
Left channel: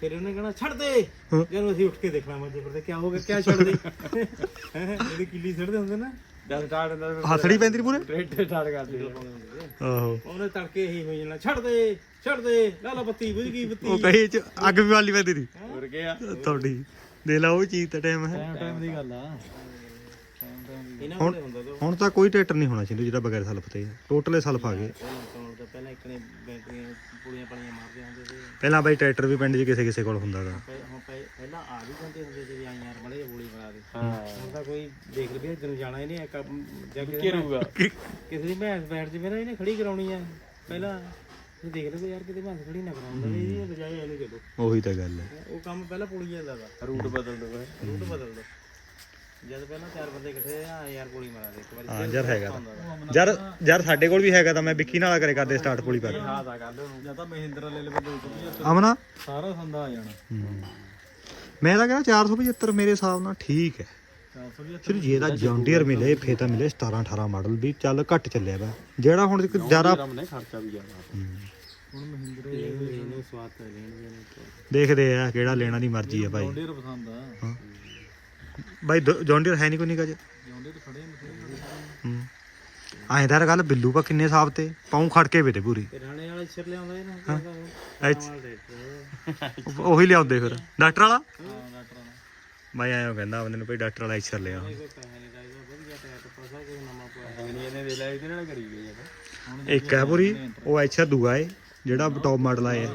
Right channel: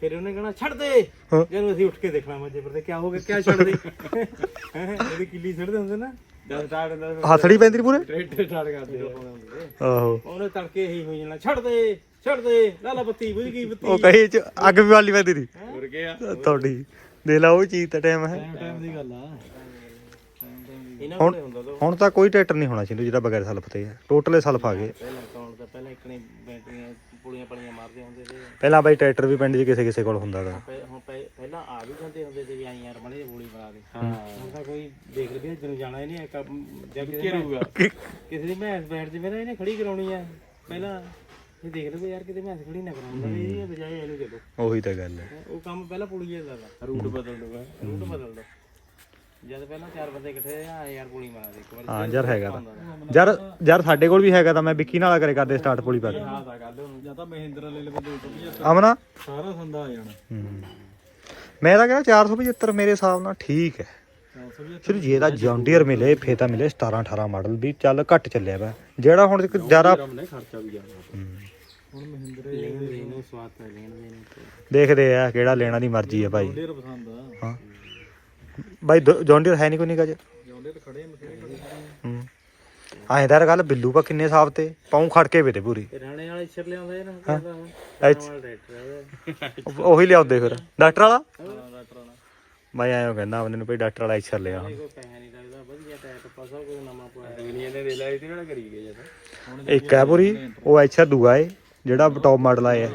ਫਿਰ ਉਹਨੇ ਕਹਣਾ ਛੱਡ ਦੇ। ਹਾਂ। ਜਦੋਂ ਅਸੀਂ ਉੱਠ ਕੇ ਦੇਖਣਾ ਮੰਜੇ ਪਰ ਤੇ ਕੀ ਹੋ ਗਿਆ ਕਿਆ ਛੱਡ ਦੇ। ਹੈਂ, ਇਹਦੀ ਕਿੱਲੀ ਛੱਡਦੇ ਹੁੰਦੇ ਨਾ। ਜਦ ਸਟਾਰਟ ਹੁੰਦਾ ਫਿਰ ਹੱਥੜੀ ਪੈਂਦੀ ਨੀ ਪੂਰੇ? ਟਰੈਕਟਰ ਸਟਾਰਟ ਕਰਦੇ ਆ। ਆਹੋ। ਉਹਨੇ ਤੜਕੇ ਇਹੀ ਹੋ ਜਾਣਾ ਛੱਡ ਦੇ ਛੱਡ ਦੇ। ਲਾ ਲਾ ਬੱਤੀ ਬੁਝ ਗਈ ਬੱਤੀ। ਉਹ ਕਹੀ ਚ ਅੱਗ ਵੀ ਵਾਲੀ ਪੈਂਦੀ ਨਹੀਂ ਹੋਰ ਗਿਆ। ਤੁਹਾਡੀ। ਦੇਖ ਲਾ ਉਹ ਚੀਜ਼ ਤਾਂ ਟਾਈਮ ਹੈ। ਟਾਈਮ ਟਾਈਮ ਦੀ ਗੱਲ ਆ। ਟਾਈਮ ਟਾਈਮ ਦੀ ਇਹਨਾਂ ਕੋਲੇ ਹੁੰਦਾ ਤਾਂ ਹੁਣ ਤਾਂ ਕੋਈ ਟਰੈਕਟਰ ਨਹੀਂ ਹੋਣਾ ਚਾਹੀਦਾ ਜਿਹੜਾ ਬਗੈਰ ਸਲਫ ਤੇ ਹੈ। ਟੋਟਲੇ ਸਲਫ ਆ ਗਏ। ਪਹਿਲਾਂ ਅਕਾਊਂਟ ਦਾ ਪਹਿਲਾਂ ਇੱਕ ਨੇ ਬੈਟਰੀਆਂ ਪੁੜੀਆਂ ਪੜੀਆਂ ਮਾਰਦੇ ਹੁੰਦੇ ਸੀ। ਪਹਿਲਾਂ ਬਾਈ ਟਰੈਕਟਰ ਵੀ ਪਿੰਡ 'ਚ ਕਿਸੇ ਕਿਸੇ ਕੋਲ ਹੁੰਦਾ ਪਹਿ- ਹੁਣ ਪਹਿ- ਪਹਿਲਾਂ ਆ ਵੀ ਜਾਂਦੇ ਹੁੰਦੇ ਸੀ ਵੀ ਆਈ ਯਾਰ ਬੜੇ ਗੋਲੀ ਬਣਾ ਦੇ। ਹੁਣ ਤਾਂ ਕੋਈ ਦੇਖ ਲਵੇ ਤੈਨੂੰ ਜਾਣਾ ਹੀ ਨਹੀਂ ਕੰਮ ਜਾਂ ਕਿਸੇ ਦੀ- ਕਿਸੇ ਦੀ ਭੈਂਸ ਬੈਠ ਜਵੇ ਨਾ ਇਹਨੇ ਖੜੀ ਕਰਾਉਣੀ ਆ। ਪਹਿਲਾਂ ਇਹ ਦੇਖ ਲਵੇ ਯਾਰ ਕਿਤੇ ਭੈਂਸ ਖੜੀ ਨਾ ਕਰਾਉਂਦਾ ਵੀ ਇਹਦੀ ਬਜਾਏ ਇਹਨੂੰ ਚਲੋ। ਉਹੀ ਤਾਂ ਗੱਲ ਹੈ। ਉਹ ਕੰਮ ਪਹਿਲਾਂ ਪੁਲੀ ਜਾਂਦਾ ਵਾ। ਰੂਟ ਬਦਲ ਦੋ ਰੂਟ ਬਦਲ ਦੋ। ਜਦ ਪਹਿਲਾਂ ਚਾਰ ਬੰਦੇ ਇਕੱਠੇ ਆ ਯਾਰ ਗੋਲੀ ਮਾਰਾ ਦੇ ਇੱਕ ਵਾਰੀ। ਹਾਂ ਯਾਰ ਹੈਗਾ ਤਾਂ। ਯਾਰ ਯਾਰ ਸਾਡੇ ਕੋਲ ਵੀ ਹੈਗਾ ਤਾਂ ਮੈਂ ਵਿੱਕੀ ਨਾਲ ਕਰੇ ਕਰਦੇ ਸਟਾਰਟ ਪੁਲੀ ਪਾ ਕੇ ਹਾਂ ਤਾਂ ਗੱਲ ਉਹਨੂੰ ਜਾਂ ਤਾਂ ਮਹਿੰਦਰਾ ਲੈ ਲਵੇ 275 ਅਮਨਾ? ਸਾਰਾ ਸੰਦਾ ਆ ਜਾਣਾ। ਹੂੰ। ਮੈਂ ਤਾਂ ਕਹਿੰਦਾ 475 ਮੇਰੇ ਹਿਸਾਬ ਨਾਲ ਠੀਕ ਹੈ। 475 ਫਿਰ ਜੇ ਇਹਦਾ ਜੌਂਡੀਅਰ ਮਿਲੇ ਫੇ ਤਾਂ ਮਿਲੇ 17 18 ਮਾਡਲ ਵੀ ਚੱਲ ਘੱਟ ਚੱਲਿਆ ਵਾ। ਜਿਹੜਾ ਹੁਣ ਇੱਕ ਜ਼ਿਆਦਾ ਨੇ ਖਰਚਾ ਵੀ ਜ਼ਿਆਦਾ। ਹੂੰ। ਹੁਣ ਮਹਿੰਦਰੇ ਇਹਨੂੰ ਸਵਾਦ ਤਾਂ ਲੈਣ ਦੇ ਨੇ ਦੇਖਦੇ ਆ ਕਿਹੜਾ ਲੈਣਾ ਦੀ ਮਰਜ਼ੀ ਹੈ ਭਾਈ। ਜੌਂਡੀਅਰ ਪਸੰਦ ਆ। ਹਾਂ। ਬਾਈ ਜੌਂਡੀਅਰ ਹੈ ਨਹੀਂ ਕੋਈ ਨਿਕਾ ਜ ਜੌਂਡੀਅਰ ਖੜੇ ਹੂੰ। ਤਾਂ ਯਾਰ ਗੱਲ ਬਿੱਲੂ ਪਾ ਕਿੰਨੇ ਸਾਫ਼ ਤੇ ਪਾਉ ਖੜ ਕੇ ਵੇ ਤੇ ਪੂਰੀ ਰਾਣੇ ਵਾਲਾ ਇਸ਼ਰ ਲਿਆਉਂਦਾ ਉਹੀ ਲਿਆਉਂਦੇ ਫਿਰ। ਡਾਕਟਰ ਵਾਲਾ? ਮੈਂ ਐਂ ਕਹਿੰਦਾ ਬੰਦੇ ਨੂੰ ਭਈ ਡਾਕਟਰ ਵਾਲਾ ਇੱਛਰ ਲਿਆ। ਕੋਈ ਪੈਸਾ ਨਹੀਂ ਲੱਗਦਾ ਵਧੀਆ ਟਾਇਰ ਪਾਸਾ ਕੋਈ ਨਵਾਂ ਪਾਇਆ ਦੁਨੀਆ ਨੇ ਦੇ ਲਿਆ ਇਹਦੇ ਨਾਲ ਕਰੀ ਗਏ ਜਦੋਂ ਇੱਕ ਹੈ ਪੂਰੀ ਉਹ ਇੱਛਰ ਦੂਆ ਏ ਜਿਹੜਾ ਟੌਪ ਮਾਡਲ ਆਇਆ।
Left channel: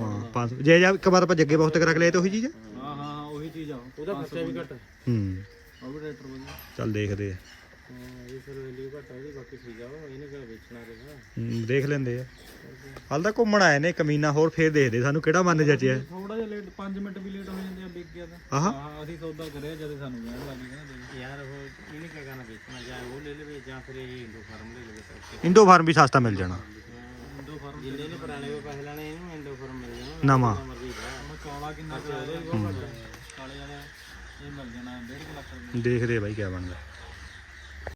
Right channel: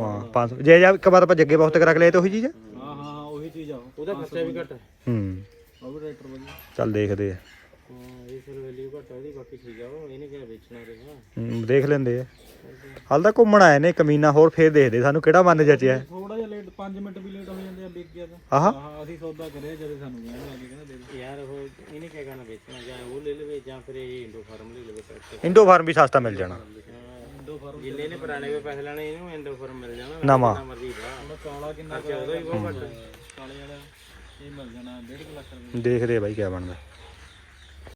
ਹਾਂ ਪੰਜ ਜੇ ਜਾ ਇੱਕ ਵਾਰ ਆਪਾਂ ਜੱਗੇ ਬਹੁਤ ਕਰਾ ਕੇ ਲਏ ਤੇ ਉਹੀ ਚੀਜ਼ ਹੈ? ਹਾਂ ਉਹੀ ਚੀਜ਼ ਆ। ਉਹ। ਉਹਦਾ ਖਰਚਾ ਵੀ ਘੱਟ ਹੂੰ। ਉਹ ਵੀ ਟਰੈਕਟਰ ਵਧੀਆ। ਚੱਲ ਦੇਖਦੇ ਆ। ਹਾਂ ਇਹ ਫਿਰ ਵੈਲਿਊ ਘੱਟ ਆ ਉਹਦੀ ਬਾਕੀ ਠੀਕ ਆ। ਉਹ ਇਹਨੇ ਕਿਹੜਾ ਵੇਚਣਾ ਰਿਹਾ ਹੂੰ, ਦੇਖ ਲੈਂਦੇ ਆ। ਹਾਲ ਤਾਂ ਘੁੰਮਣ ਆਏ ਨੇ ਕਮੀਨਾ ਹੋਰ ਫੇਰ ਦੇਖਦੇ ਸਾਨੂੰ ਕਿਹੜਾ ਮਨ ਜਚਿਆ। ਥੋੜਾ ਜਿਹਾ ਲੇਟ 5 ਮਿੰਟ ਵੀ ਲੇਟ ਹੋ ਜਾਂਦੇ ਆ ਵਿਕ ਗਿਆ ਤਾਂ ਆਹਾ। ਹਾਂ ਅਸੀਂ ਸੌਦਾ ਕਰਿਆ ਜਦੋਂ ਸਾਨੂੰ ਕਹਿਣ ਲੱਗ ਗਏ ਨਾ ਯਾਰ ਉਹ ਇਹਨੇ ਕਿਆ ਕਰਨਾ ਵੇਚਣਾ ਜਾਂ ਉਹ ਲੈ ਲਵੇ ਜਾਂ ਫਿਰ ਇਹ ਇੰਡੋ ਫਾਰਮ ਲੈ ਲਵੇ ਟਰੈਕਟਰ ਇੰਡੋ ਫਾਰਮ ਵੀ ਸਸਤਾ ਮਿਲ ਜਾਣਾ। ਇੰਡੋ ਫਾਰਮ ਜਿੰਨੇ ਨੇ ਪੁਰਾਣੇ ਕੋਲ ਪੈਸੇ ਲੈਣੇ ਇਹਨੂੰ ਇੰਡੋ ਫਾਰਮ ਮਿਲ ਜਾਣਾ। ਨਵਾਂ। ਜਿੰਨਾ ਮਰਜ਼ੀ ਭਰਾ ਉਹਦਾ ਕਾਲਾ ਕਿੰਨਾ ਖਰਚਾ ਉਹਦਾ ਵੀ ਬਹੁਤ ਘੱਟ। ਕਾਲੇ ਵਾਲਾ ਇਹ ਮਿਲ ਜਾਣਾ 1.5 ਲੱਖ ਰੁਪਏ। ਦੇਖਦੇ ਆ ਬਾਈ ਕਿਆ ਬਣਦਾ।